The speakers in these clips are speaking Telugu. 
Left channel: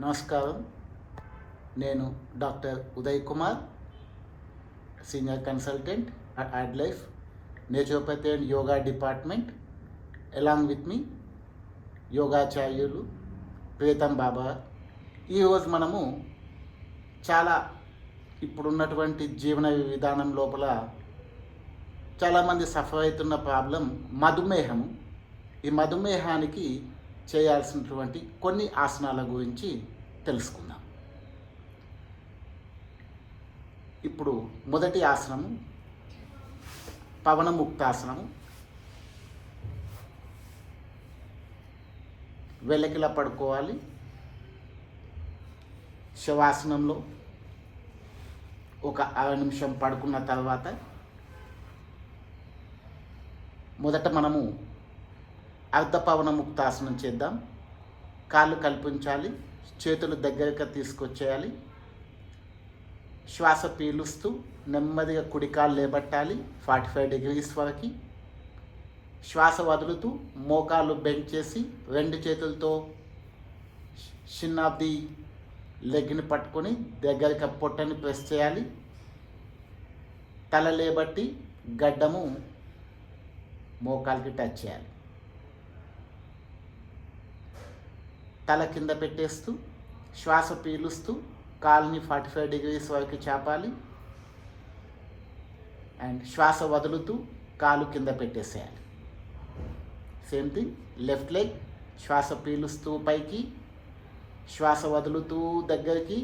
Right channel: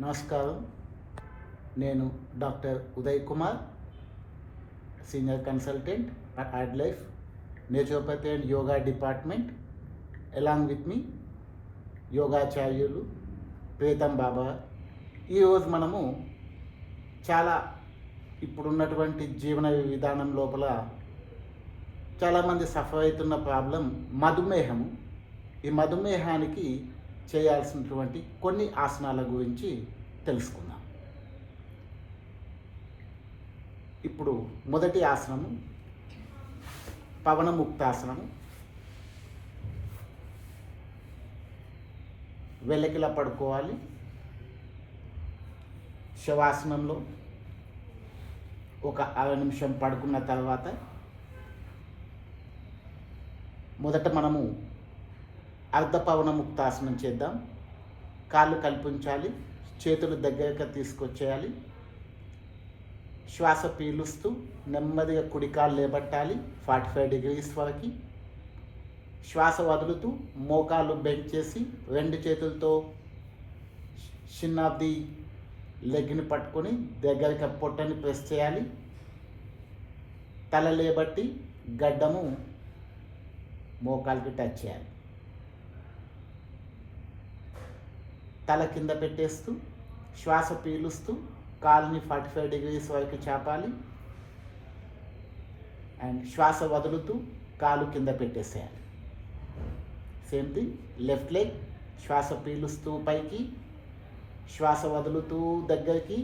నమస్కారం. నేను doctor Uday Kumar, senior consultant at AdLife naturopathy and yoga department. Along with మీ యోగాచార్యులు ప్రీతం బాబా. ఈరోజు మనము చాలా ఇప్పుడున్నటువంటి జీవన విధానం లోపల చాలామంది సఫర్ అవుతున్న ప్రాబ్లం మధుమేహం. ఈ మధుమేహానికి చేయాల్సినటువంటి కొన్ని ఆసనాల గురించి తెలుసుకుందాం. ఇప్పుడు మొదటి ఆసనం పవనముక్తాసనం. వెల్లకిలా పడుకోవాలి. శవాసనంలో ఒక 6 నిమిషం పడుకున్న తర్వాత మొదట మనము అర్ధపవనముక్తాసనం చేద్దాం. కాళ్ళు కల్పించాలి, చేతులు దగ్గరగా తీసుకొచ్చేయాలి. శ్వాస పీలుస్తూ నెమ్మదిగా కుడి కాలు లేబట్టాలి 45 degrees వరకు. శ్వాస వదులుతూ మోకాళ్ళు బెండ్ చేసి 2 చేతులతో చిన్న ఆఫ్ ది లెగ్ని పట్టుకొని దగ్గరగా పొట్టని ప్రెస్ చేయాలి. తల లేబట్టి గడ్డము మోకాలికి టచ్ చేయాలి. తల కింద పెట్టేస్తూ శ్వాస పీలుస్తూ కాలుని 45 degrees వరకు చాపాలి. అండ్ శ్వాస వదులుతూ కాలు కింద పెట్టేసేయాలి. Same thing left leg. శ్వాస పీలుస్తూ పైకి, శ్వాస వదులుతూ దగ్గరికి,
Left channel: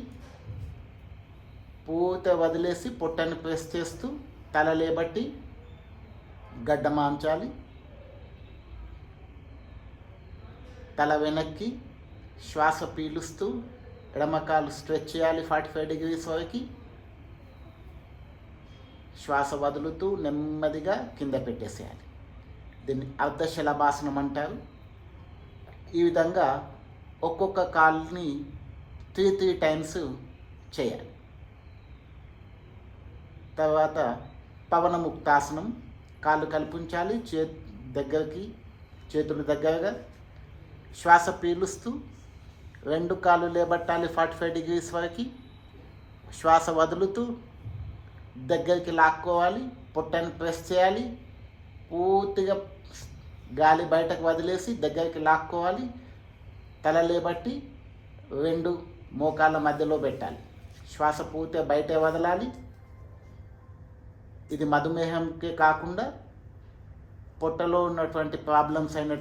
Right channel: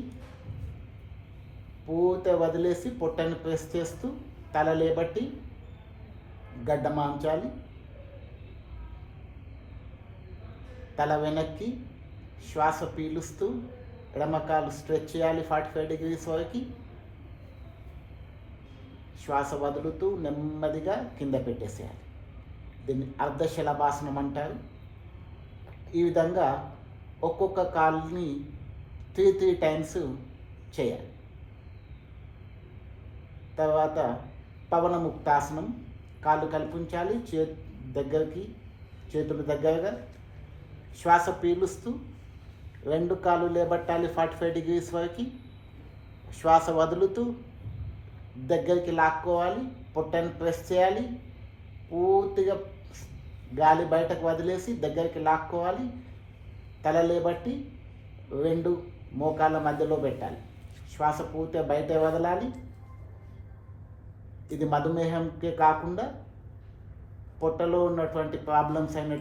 పూర్తిగా వదిలేసి పొట్టని ప్రెస్ చేస్తూ తల లేబట్టి గడ్డ మాంచాలి. తల వెనక్కి, శ్వాస పీలుస్తూ ఎడమకాలు స్ట్రెచ్ చేయాలి 45 degrees వరకు. శ్వాస వదులుతూ నెమ్మదిగా కింద పెట్టేసేయాలి. దీన్ని అర్ధశలభాసనం అంటారు. ఈ విధంగా ఒక్కొక్క కాలుని 3 times చేయాలి. తర్వాత పవనముక్తాసనం. కాళ్ళు కల్పించాలి, చేతులు దగ్గరగా. శ్వాస పీలుస్తూ 2 కాళ్ళు లేబట్టాలి 45 degrees వరకు. శ్వాస వదులుతూ దగ్గరికి లాక్కోవాలి, పొట్టని ప్రెస్ చేయాలి. పూర్తిగా గాలి బయటకు వదిలేసి దగ్గరికి లాక్కోవాలి. తల లేబట్టి 2 మోకాళ్ళ మధ్యలో పెట్టాలి. శ్వాస పూర్తిగా బయటే వదలాలి. ఇది మధుమేహంకే కాకుండా పొట్టలో ఉన్నటువంటి ప్రాబ్లమ్స్ అయినటువంటి